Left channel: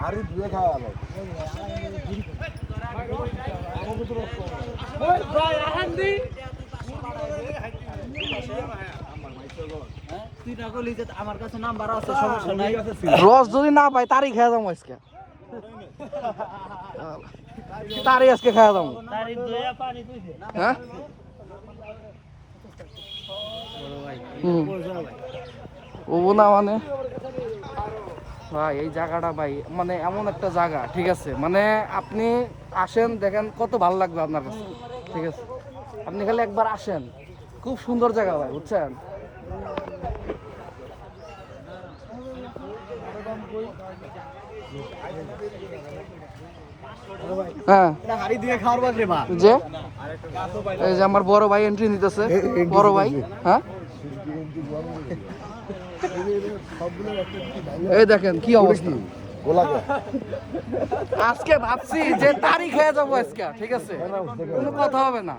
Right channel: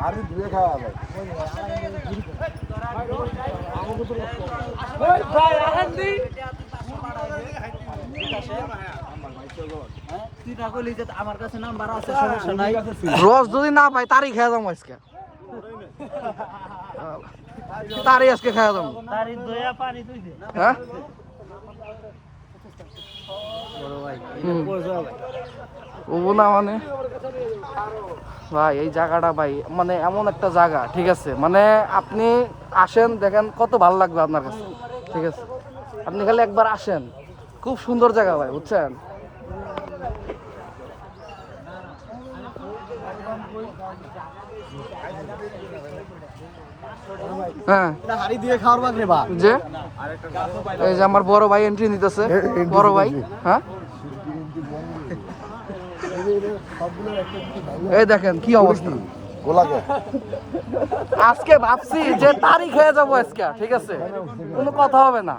হাড়ি ধুয়ে খাওয়া ভাই রস যদি না পাই তারই খেয়ে যাবো আজকে তারই আজকে খেয়ে যাবো হ্যাঁ ও না মানে ভাই এই জায়গাটা ভাই মানে এমন একটা জায়গা ঠিক আছে মানে আপনি আসেন দেখেন কত ভালো লাগবে আপনার কাছে ঠিক আছে আপনি খালি একবার আসেন খুব সুন্দর জায়গা ভাই বুঝছেন হ্যাঁ যে এই যে আমার বড় ভাই এন্ট্রি নিতেছে বড় ভাই হ্যাঁ এই দেখেন কি অবস্থা আজকে ভাবছি যে তারিখ হয়ে যাবো আজকে ঠিক আছে কোনো কথা হবে না